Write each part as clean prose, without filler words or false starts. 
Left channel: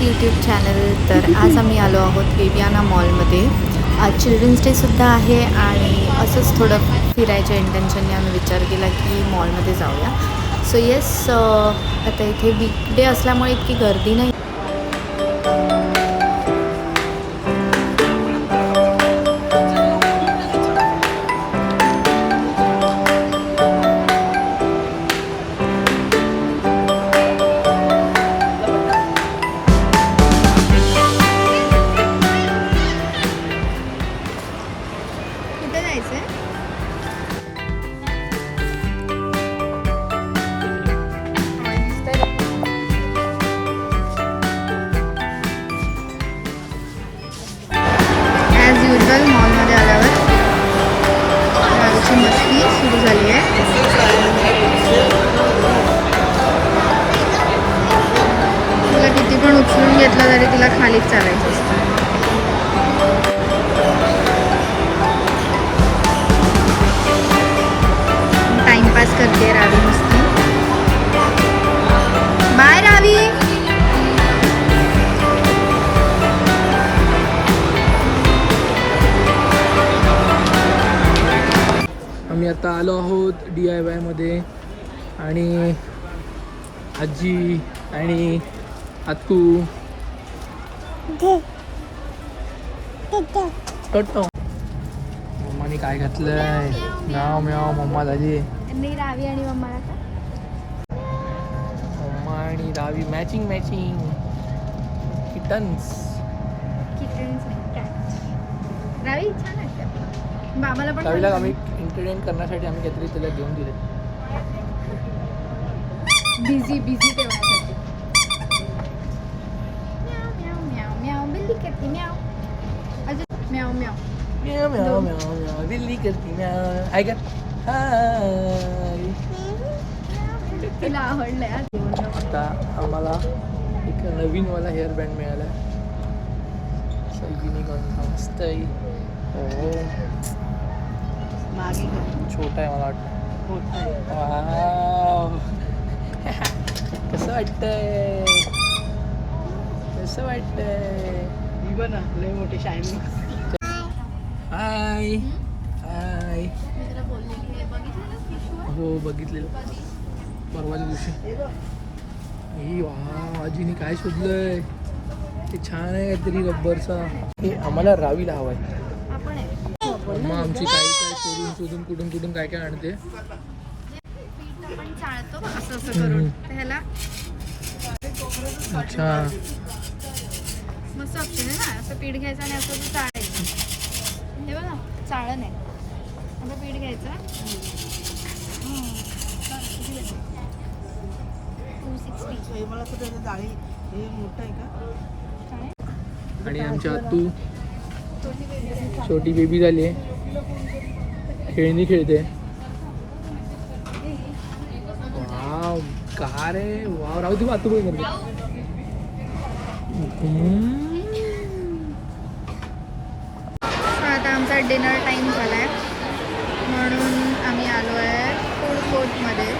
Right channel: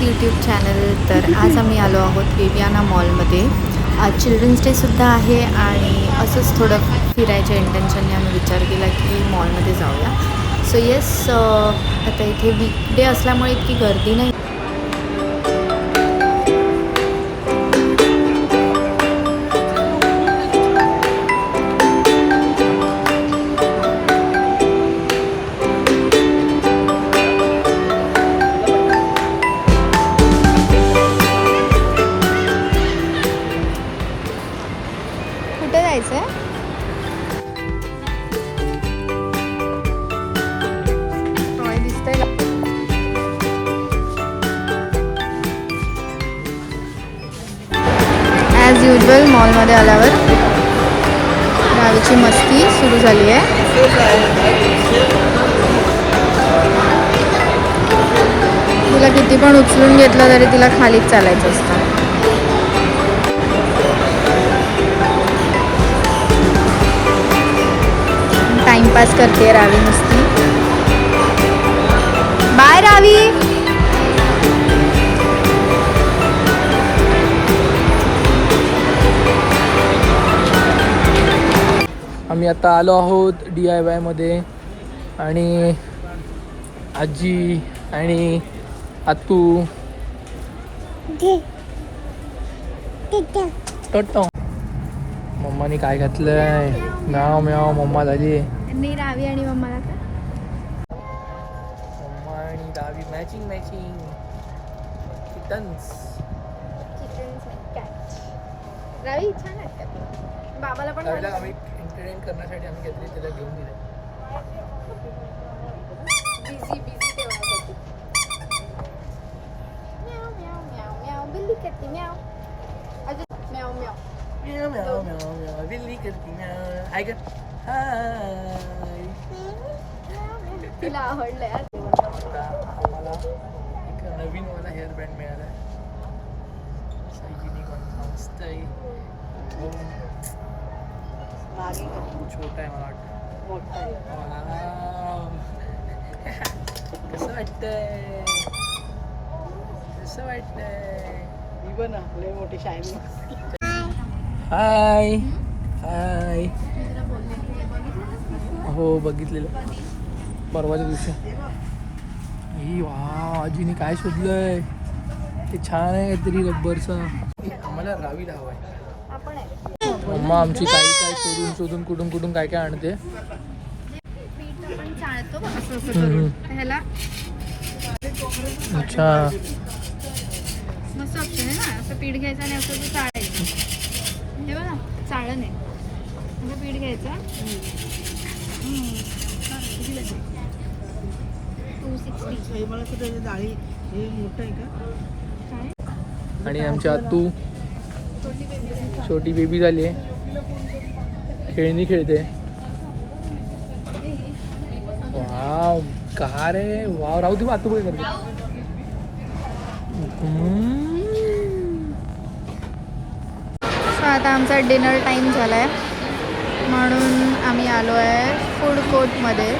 Friends YouTube channel. तर आज आम्ही आलो आहोत विवियाना मॉलमध्ये. आज चिल्ड्रन्स डे आहे आणि असंच थोडं फिरायच्या इंटेन्शनने आम्ही विचार केला की मॉलमध्ये जाऊया. सो येस, आता इथे वीकडे असल्यामुळे इतकी गर्दी नाही. कुठे जायचं आहे? ॲज युजल मॉलमध्ये आल्यावर गाडीची मस्ती सुरू झाली आहे. तिला किती पण उचलून घेतलं तरी तिला खालीच चालायचं असतं. टाइमपास करते रावी मस्ती. बाय रावी. आम्ही आता आलो आहोत DIY मध्ये आणि आजी आणि आतू मम्माने काय घातलंय? म्याव म्याव मम्मा झाली. नाही, रावी आणि मम्माला का? मम्मा आणि रावी मॅचिंग किटन्स. रावी छान वाटतं. बाबाला पण रावीला आम्ही एंटरटेन करण्यासाठी आम्ही काहीतरी तिला घेऊन दिले. बिझी ठेवण्यासाठी. म्याव म्याव म्याव म्याव बिल्ली करते म्याव. अजून म्याव म्याव म्याव म्याव म्याव म्याव बिल्ली करती म्याव. हाय का? हाय. तिला आवडलंय. आता आम्हाला एक नवीनवाला हेअर बँड मिळाला. युनिक मस्त आहे. छोटा आहे मला वाटतं. कसं वाटतंय? लई मोठे शायनिंग. हाय हाय. हो, बघितलेलं परवाच्या दिवशी. ही वा, आजीने काय शोधलंय? ते छान आहे काहीतरी रब्बरचं. हे आम्हाला रावीला हवं आहे. मम्मा आमची काही शोधून कुठून काय आणते. पण चालतो असं करून ह्याला. अच्छा, मस्त ऑप्शन आहे ना. असं पीठ घ्यायचं आणि असं तू चाळायचं. हे बघा, चाळण आहे. असं पीठ घ्यायचं. 260. मला कुठे डाळी मोठं आहे का? काय? आणि आमची आतू छोटी बेबी झाली आहे. खेळणी खेळते. वाव, का रे वाव. राहू दे मग, आतू काय करते? आता आमचा डिनर टाईम झाला आहे म्हणून आम्ही आलो आहे फूड कोर्टमध्ये.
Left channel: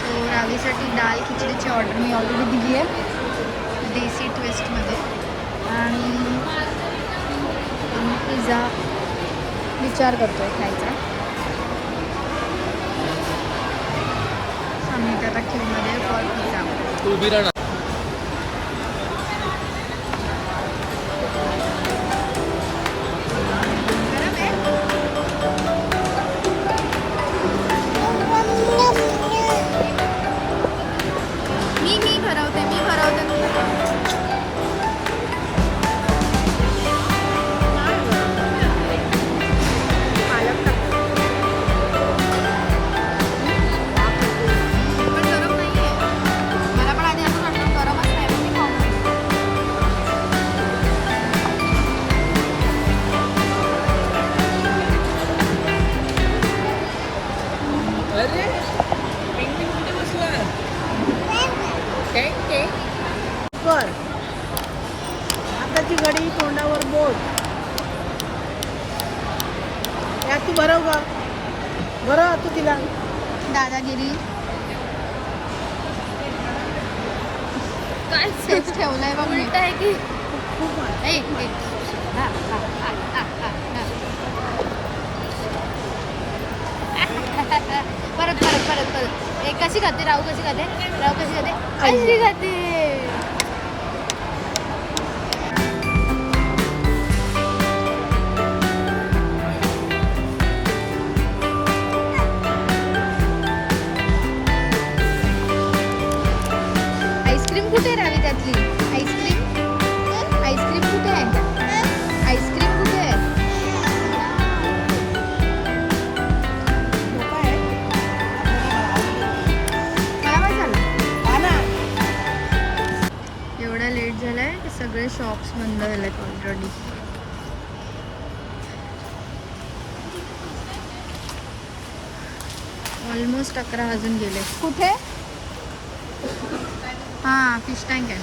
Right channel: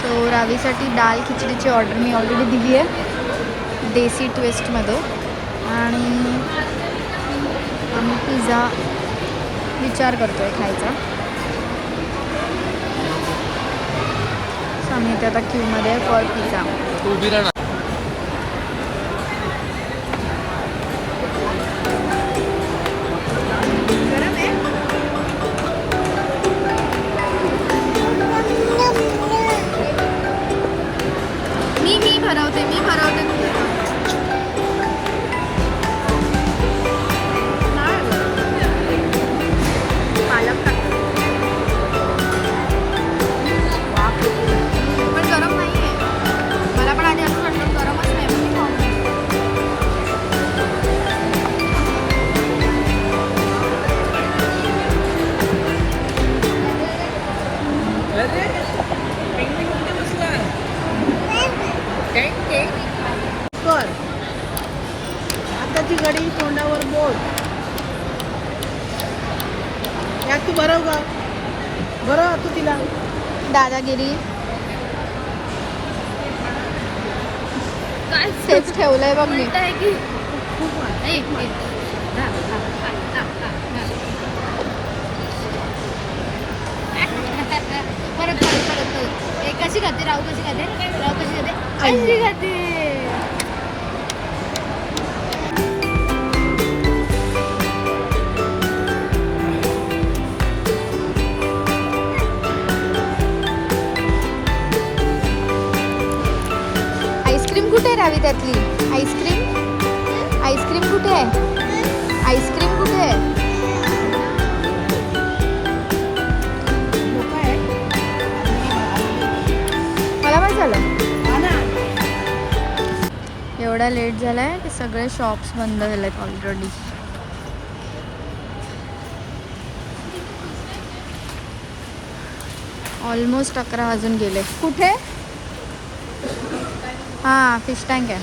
सो रावीसाठी दाल खिचडीची ऑर्डर मी ऑलरेडी दिली आहे देसी ट्विस्टमध्ये. आणि आम्ही पिझ्झा विचार करतो खायचा. सो आम्ही इथे आता क्यूमध्ये फॉर पिझ्झा. उभी राहा. गरम आहे. मी भरवते. पण गरम नाही आहे. मला पण आधी असं वाटतं गरमच नाही. मी खाऊन कर आता ती गडी तोंडावर बोट. यात तू बरं तू तिला. दादागिरी. सेफ ठेवलंय बघ मी. परत कशी खाते राहू कशी खाते अशी खाते. आईस्क्रीम कुठे आहे रावी त्यातली? आईस्क्रीम कुठे आहे? आईस्क्रीम कुठे आहे? मला काय झालं? एवढा लेट झालाय की सगळे शॉप्स बंद झालेत ऑलरेडी. ऑलमोस्ट 11 वाजून गेले. कुठे? हां, फिश टँक आहे.